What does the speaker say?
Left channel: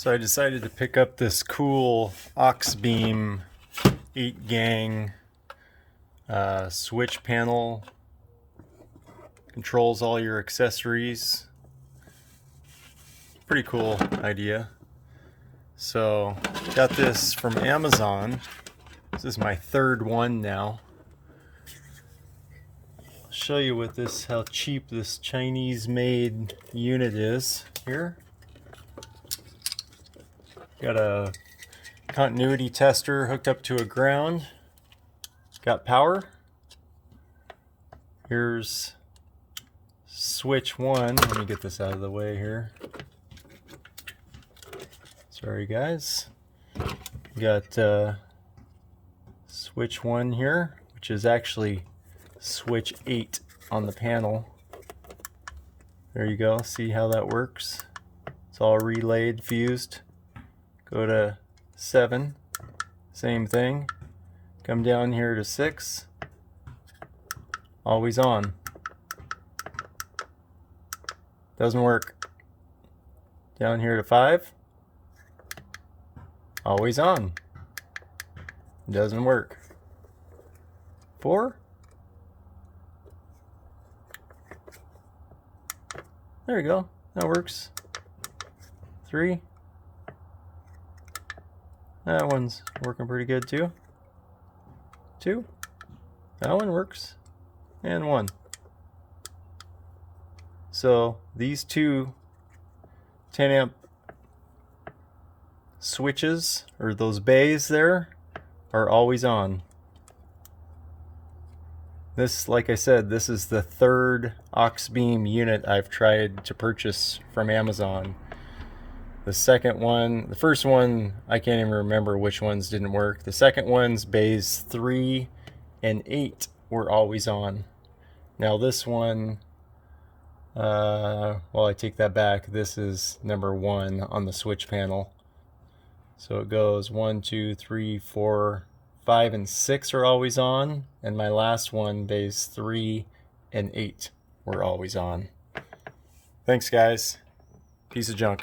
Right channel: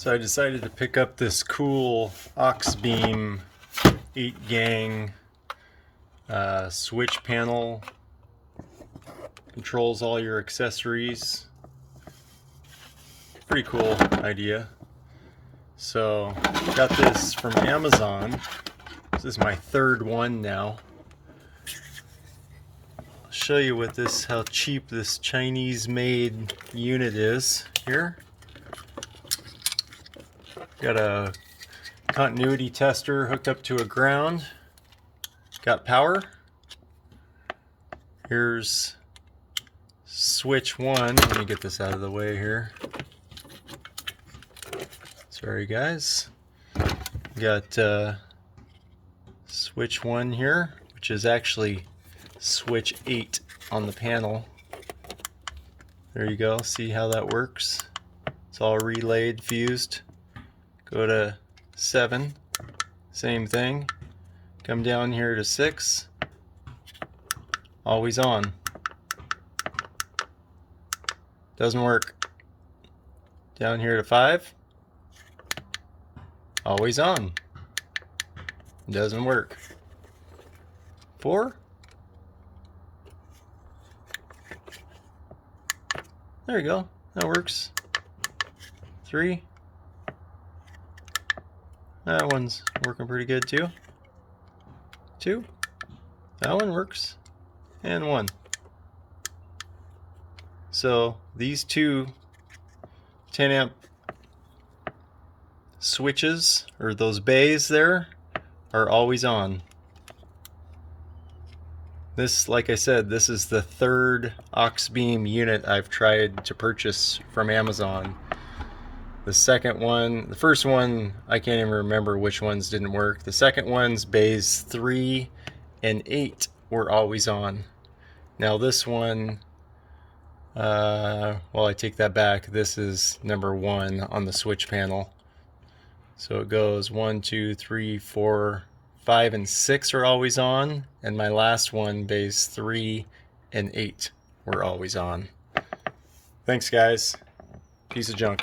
So I decided to pick up this cool Auxbeam 8-gang switch panel. Controls all your accessories. Pretty cool idea. So got this from Amazon. This is my third one now. I'll show you what this, how cheap this Chinese made unit is here. Got a continuity tester hooked up to a ground. Got power. Here's switch 1. Let me get this out of the way here. Sorry guys. Got switch 1 here, which is actually switch 8 on the panel. There you go. See how that works? It's all relayed, fused. Go to 7, same thing. Come down here to 6, always on. Doesn't work. Down here to 5, always on. Doesn't work. 4, there you go, that works. 3, that one's working pretty good too. 2, that one works. And 1. So these two 10 amp switches, or those bays there, are always on. This, like I said, this is the third Auxbeam unit I've tried to purchase from Amazon. The second one, the first one, I can't even remember which ones didn't work. The second one's bays 3 and 8 were always on. Now this one, well, I take that back. This is number 1 on the switch panel. So it goes 1, 2, 3, 4, 5, and 6 are always on. And my last one, bays 3 and 8 were always on. Thanks guys. Piece of junk.